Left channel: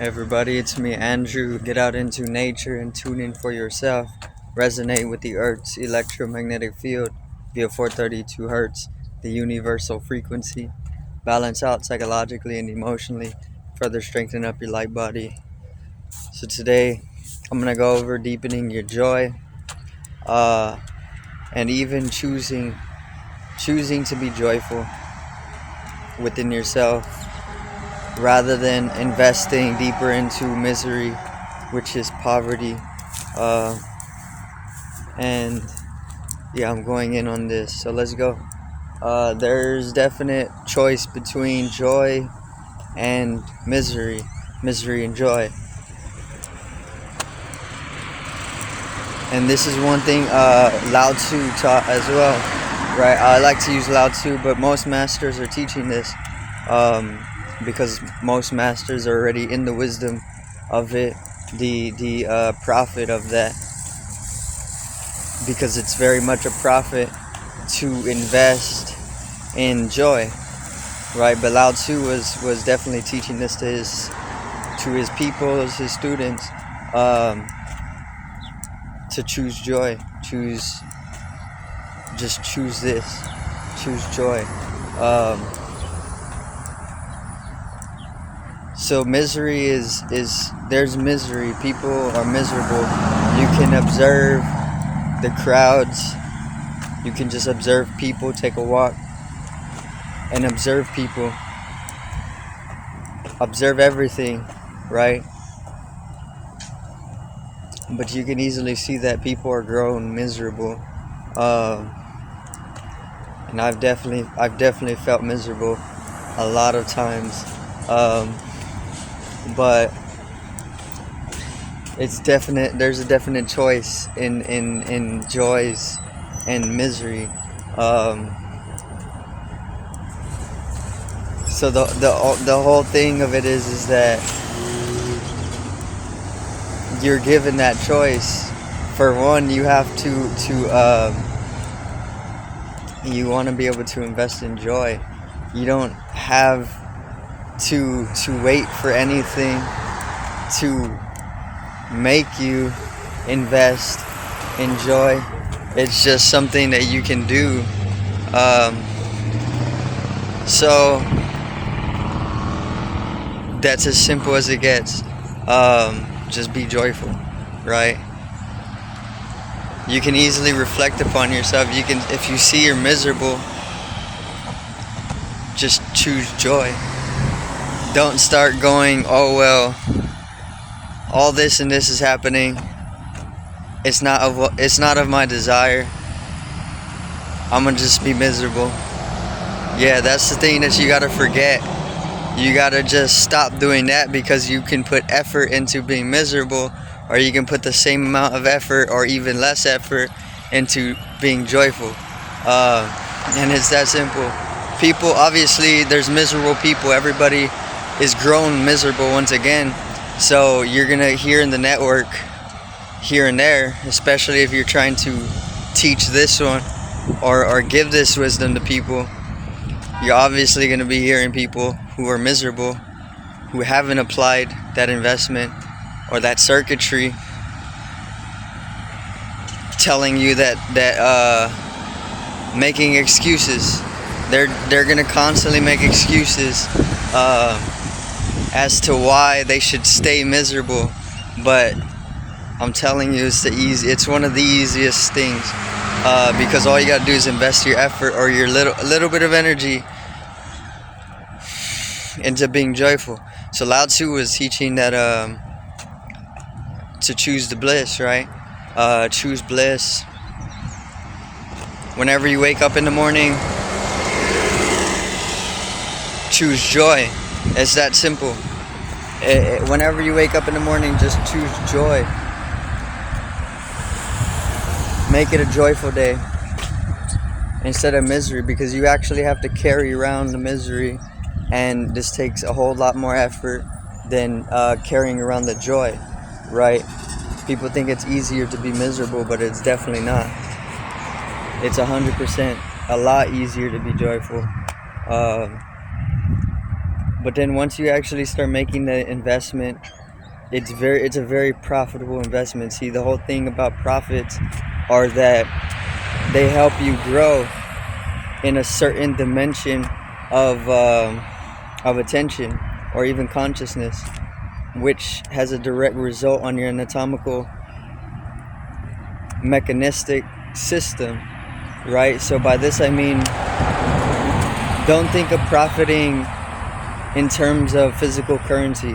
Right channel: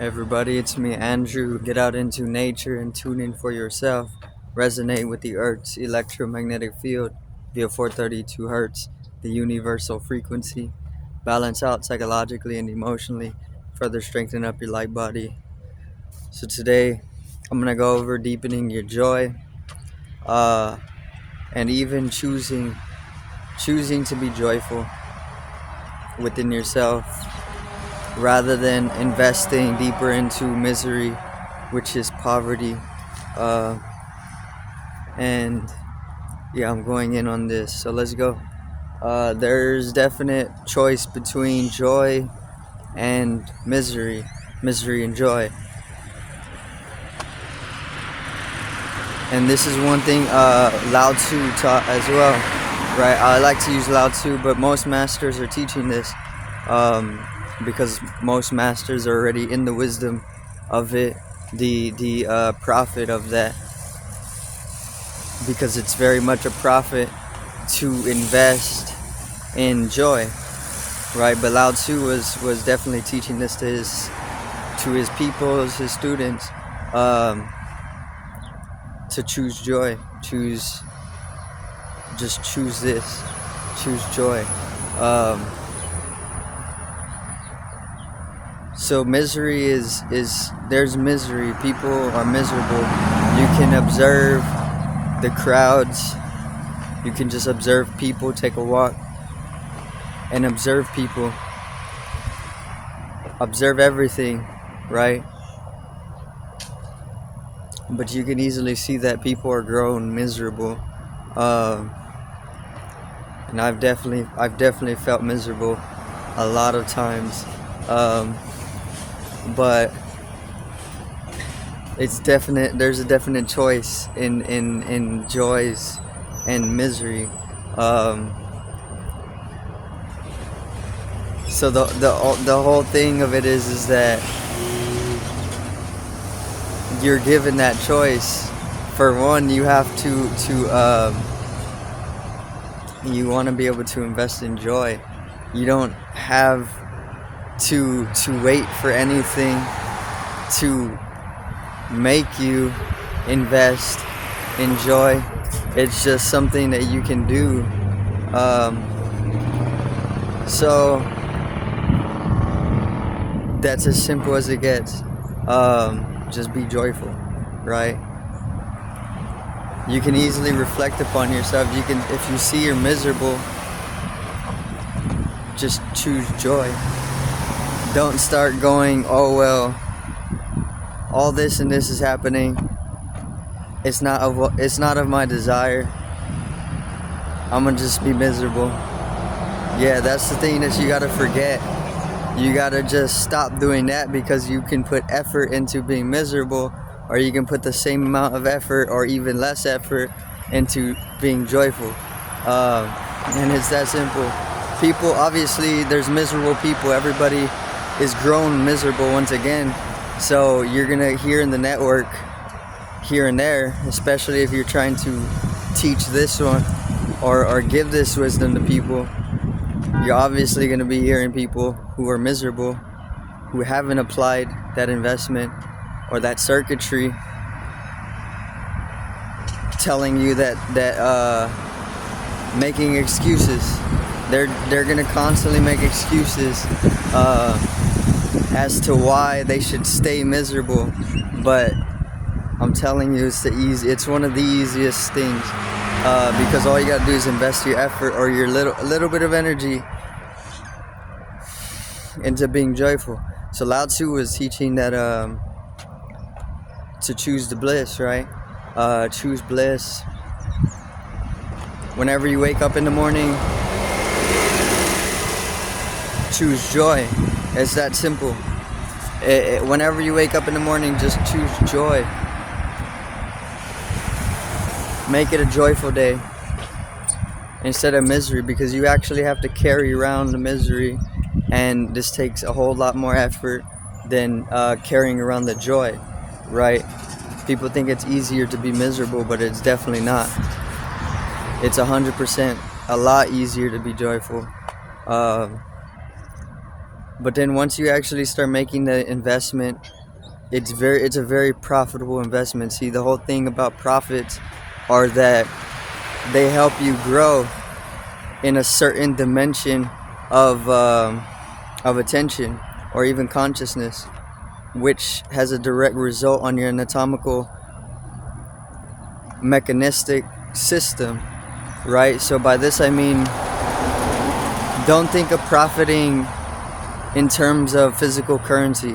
Everybody, it's me, Andrew. Get out into nature and tune in for yourself. Resonate with the Earth's electromagnetic field via 432 hertz, the universal frequency. Balance out psychologically and emotionally. Further strengthen up your light body. So today, I'm gonna go over deepening your joy, and even choosing to be joyful within yourself, rather than investing deeper into misery, which is poverty. And yeah, I'm going in on this, so let's go. There's definite choice between joy and misery and joy. And this is one thing Lao Tzu taught as well, right? I like to use Lao Tzu, but most masters are teaching this, because most masters are already in the wisdom of it, the profit of that, because it's very much a profit to invest in joy, right? But Lao Tzu was definitely teaching this to his people, his students, to choose joy, choose this, choose joy. So misery is there's misery. People are miserable. You can observe the crowds. You can just observe people, take a walk and observe people. Observe everything, right? But you can easily see that people are grown miserable. And I've definitely felt miserable a lot of times. But there's a definite choice in joys and misery. So the whole thing of it is that you're given that choice. For one, you have to you want to be able to invest in joy. You don't have to wait for anything to make you invest in joy. It's just something that you can do. So that's as simple as it gets. Just be joyful, right? You can easily reflect upon yourself. You can, if you see you're miserable, just choose joy. Don't start going, oh well, all this and this is happening. It's not of my desire. I'm gonna just be miserable. Yeah, that's the thing that you gotta forget. You gotta just stop doing that, because you can put effort into being miserable, or you can put the same amount of effort or even less effort into being joyful. And it's that simple. People, obviously, there's miserable people. Everybody is grown miserable once again. So you're gonna hear in the network here and there, especially if you're trying to teach this one or give this wisdom to people. You're obviously going to be hearing people who are miserable, who haven't applied that investment or that circuitry, telling you that making excuses. They're going to constantly make excuses as to why they should stay miserable. But I'm telling you, it's one of the easiest things, because all you got to do is invest your effort or your little bit of energy into being joyful. So Lao Tzu was teaching that to choose the bliss, right? Choose bliss. Whenever you wake up in the morning, choose joy. It's that simple. Whenever you wake up in the morning, just choose joy. Make it a joyful day instead of misery, because you actually have to carry around the misery, and this takes a whole lot more effort than carrying around the joy, right? People think it's easier to be miserable, but it's definitely not. It's 100% a lot easier to be joyful. But then once you actually start making the investment, it's a very profitable investment. See, the whole thing about profits are that they help you grow in a certain dimension of attention or even consciousness, which has a direct result on your anatomical mechanistic system, right? So by this I mean, don't think of profiting in terms of physical currency,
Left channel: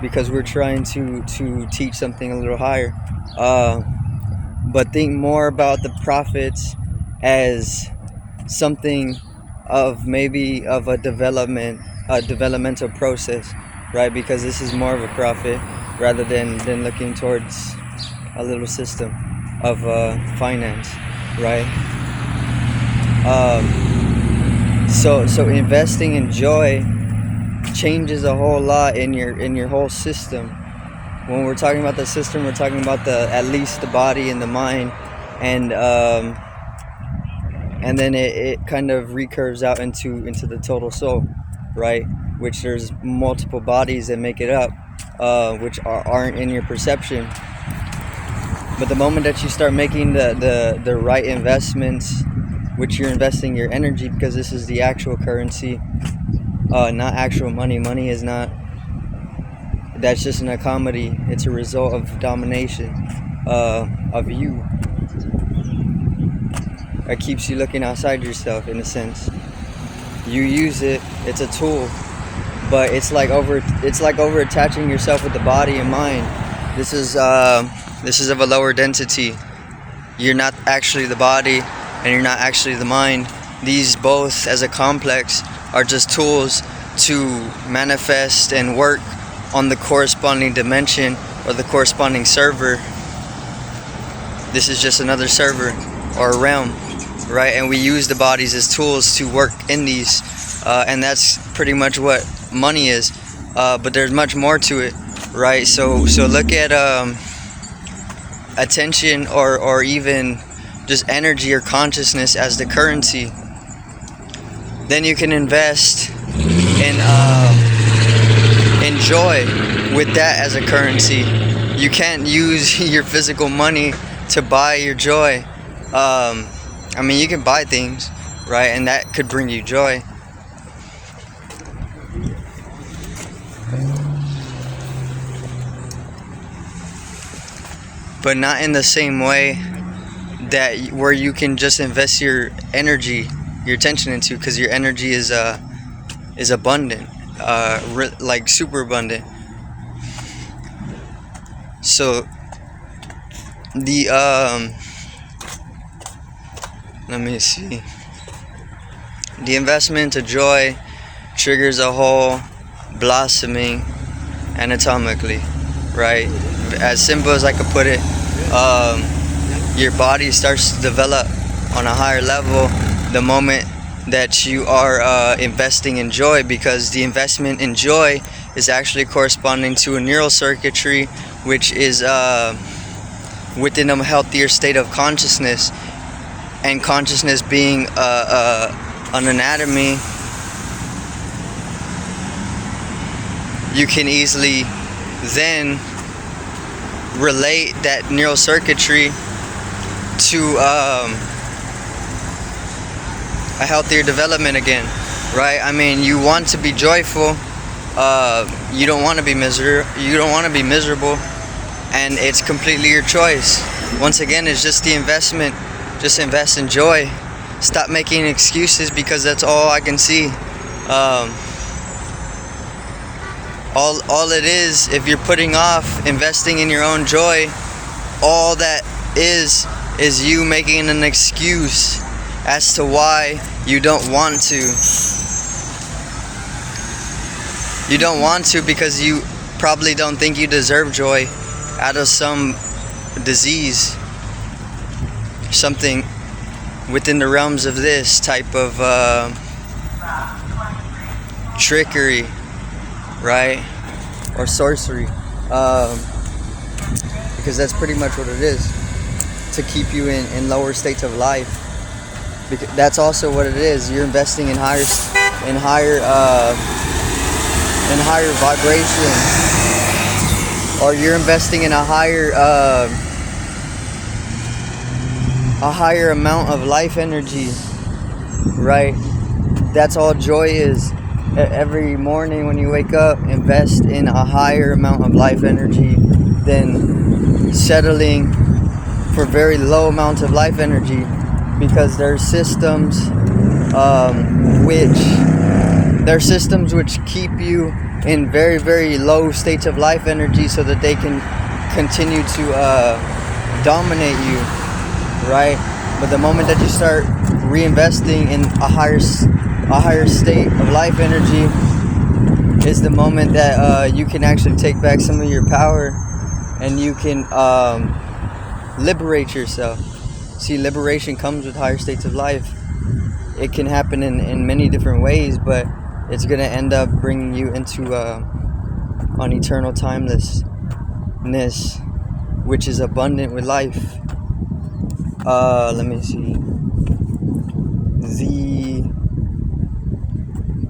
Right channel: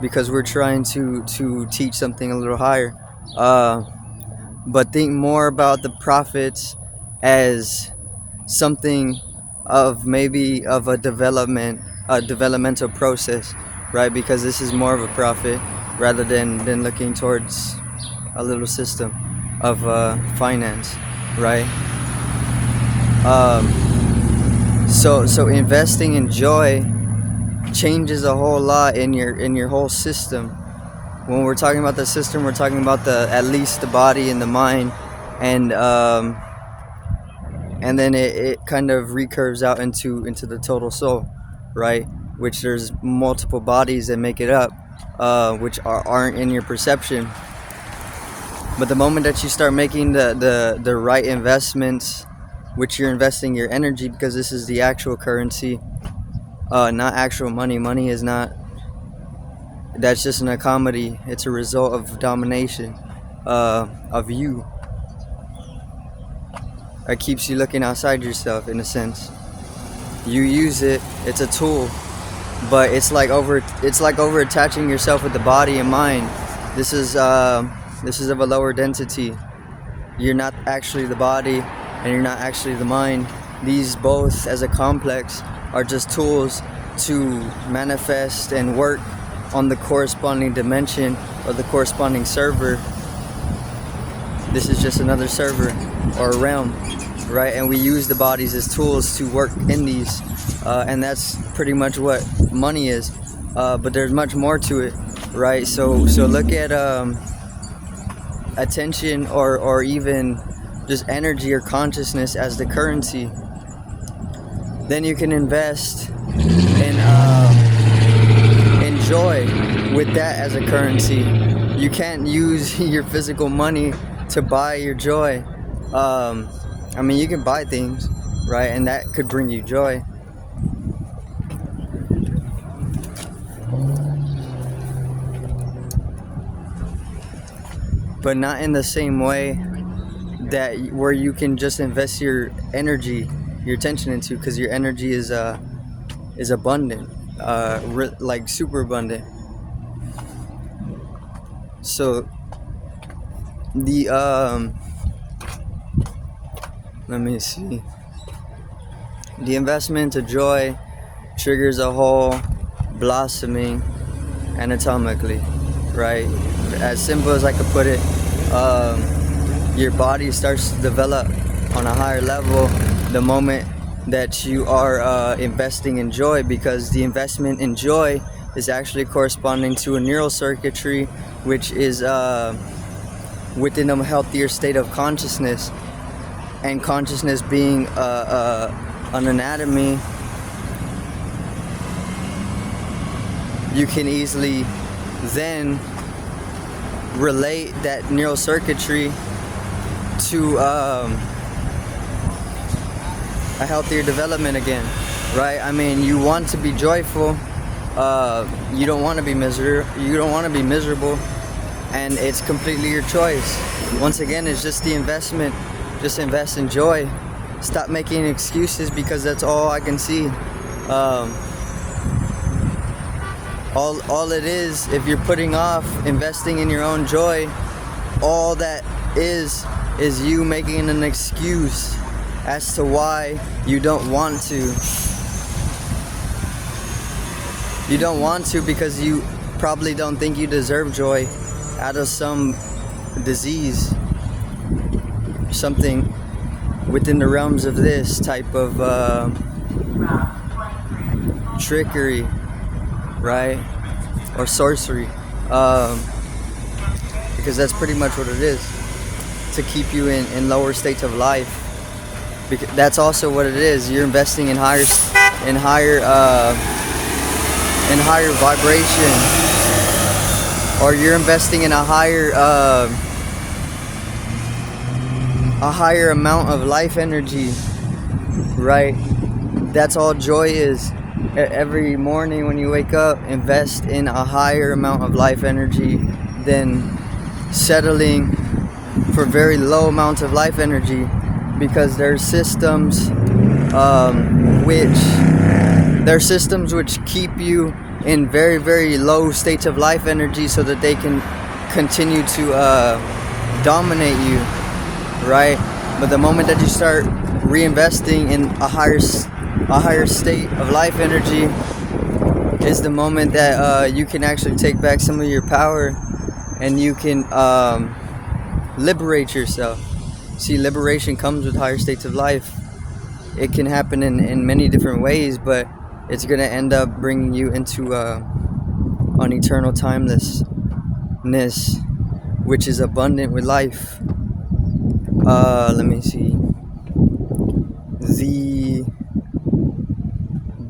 because we're trying to teach something a little higher, but think more about the profits as something of maybe of a developmental process, right? Because this is more of a profit rather than looking towards a little system of finance, right? So investing in joy changes a whole lot in your whole system. When we're talking about the system, we're talking about at least the body and the mind, and then it kind of recurves out into the total soul, right? Which there's multiple bodies that make it up, which aren't in your perception. But the moment that you start making the right investments, which you're investing your energy, because this is the actual currency, not actual money. Money is not. That's just an accommodity. It's a result of domination of you. It keeps you looking outside yourself, in a sense. You use it. It's a tool, but it's like over attaching yourself with the body and mind. This is of a lower density. You're not actually the body, and you're not actually the mind. These both, as a complex, are just tools to manifest and work on the corresponding dimension or the corresponding server. This is just another server or a realm, right? And we use the bodies as tools to work in these, and that's pretty much what money is. But there's much more to it, right? So look at attention or even just energy or consciousness as the currency. Then you can invest in joy with that as a currency. You can't use your physical money to buy your joy. I mean, you can buy things, right? And that could bring you joy. But not in the same way that where you can just invest your energy, your attention into, because your energy is abundant, like super abundant. So the let me see. The investment of joy triggers a whole blossoming anatomically, right? As simple as I could put it, your body starts to develop on a higher level the moment that you are investing in joy, because the investment in joy is actually corresponding to a neural circuitry, which is within a healthier state of consciousness. And consciousness being an anatomy, you can easily then relate that neural circuitry to a healthier development again, right? I mean, you want to be joyful. You don't want to be miserable, and it's completely your choice. Once again, it's just the investment. Just invest in joy. Stop making excuses, because that's all I can see. All it is, if you're putting off investing in your own joy, all that is you making an excuse as to why you don't want to. You don't want to because you probably don't think you deserve joy out of some disease, something within the realms of this type of trickery, right? Or sorcery, because that's pretty much what it is, to keep you in lower states of life. Because that's also what it is. You're investing in higher in higher vibration, or you're investing in a higher amount of life energy, right? That's all joy is. Every morning when you wake up, invest in a higher amount of life energy than settling for very low amounts of life energy, because there are systems which keep you in very, very low states of life energy so that they can continue to dominate you, right? But the moment that you start reinvesting in a higher state of life energy is the moment that you can actually take back some of your power, and you can liberate yourself. See, liberation comes with higher states of life. It can happen in many different ways, but it's going to end up bringing you into an eternal timelessness, which is abundant with life. Let me see.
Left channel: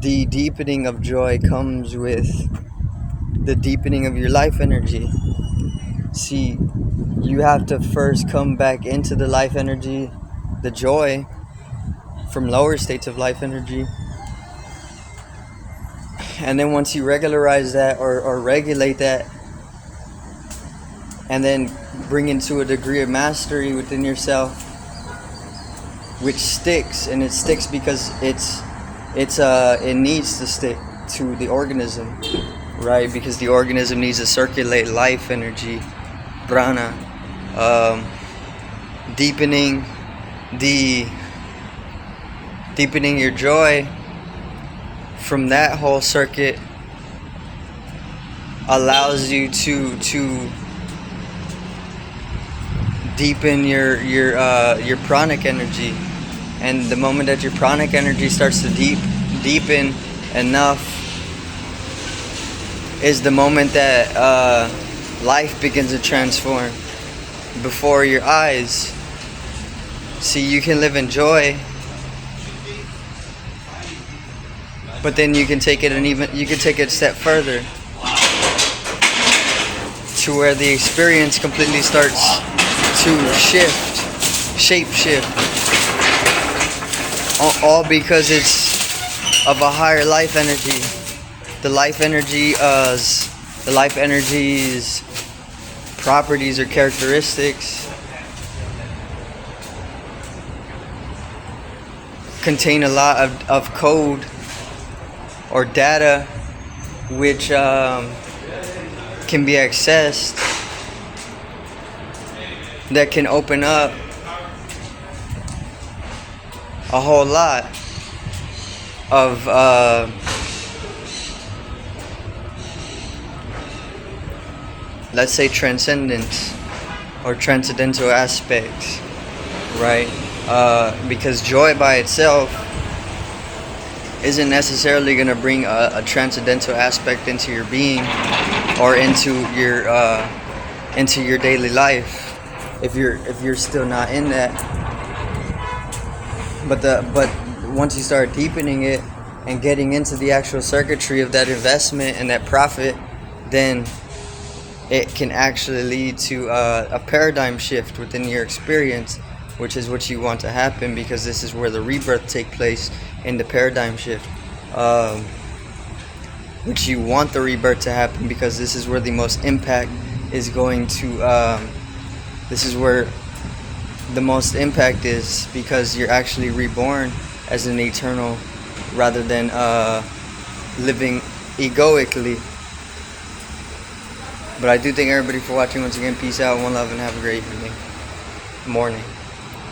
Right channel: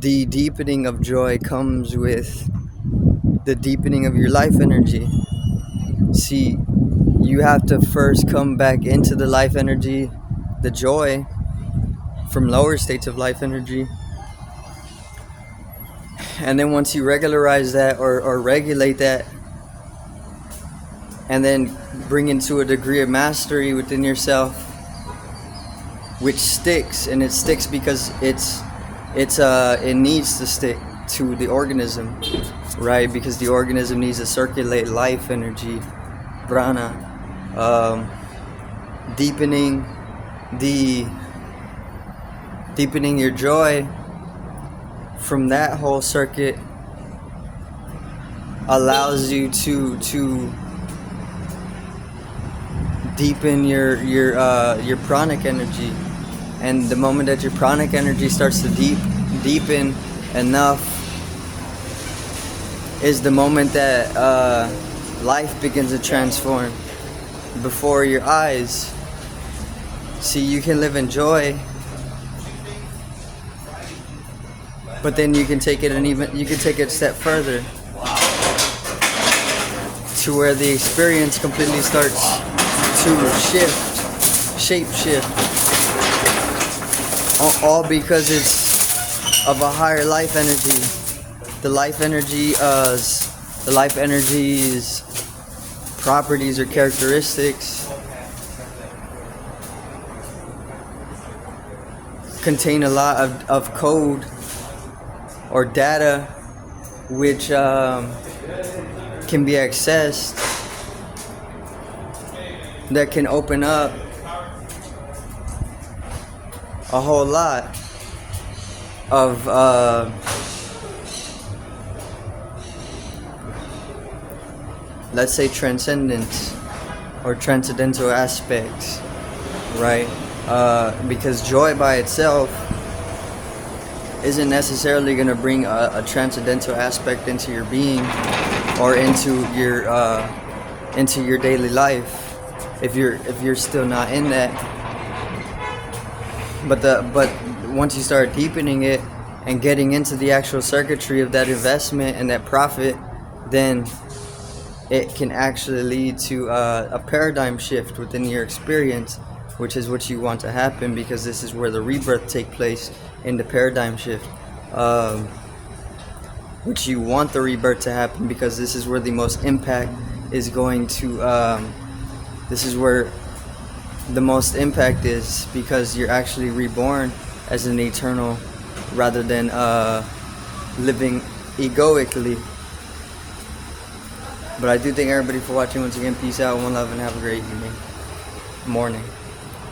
The deepening of joy comes with the deepening of your life energy. See, you have to first come back into the life energy, the joy, from lower states of life energy. And then once you regularize that or regulate that, and then bring into a degree of mastery within yourself, which sticks, and it sticks because it needs to stick to the organism, right? Because the organism needs to circulate life energy, prana, deepening your joy from that whole circuit allows you to deepen your pranic energy. And the moment that your pranic energy starts to deepen enough is the moment that life begins to transform before your eyes. See, you can live in joy, but then you can take it a step further to where the experience completely starts to shape shift, all because it's of a higher life energy. The life energy's properties or characteristics contain a lot of code or data which can be accessed, that can open up a whole lot of let's say transcendence or transcendental aspects, right? Because joy by itself isn't necessarily going to bring a transcendental aspect into your being or into your daily life if you're still not in that. But once you start deepening it and getting into the actual circuitry of that investment and that profit, then it can actually lead to a paradigm shift within your experience, which is what you want to happen, because this is where the rebirth take place, in the paradigm shift, which you want the rebirth to happen, because this is where the most impact is going to this is where the most impact is, because you're actually reborn as an eternal rather than living egoically. But I do thank everybody for watching once again. Peace out, one love, and have a great evening, morning.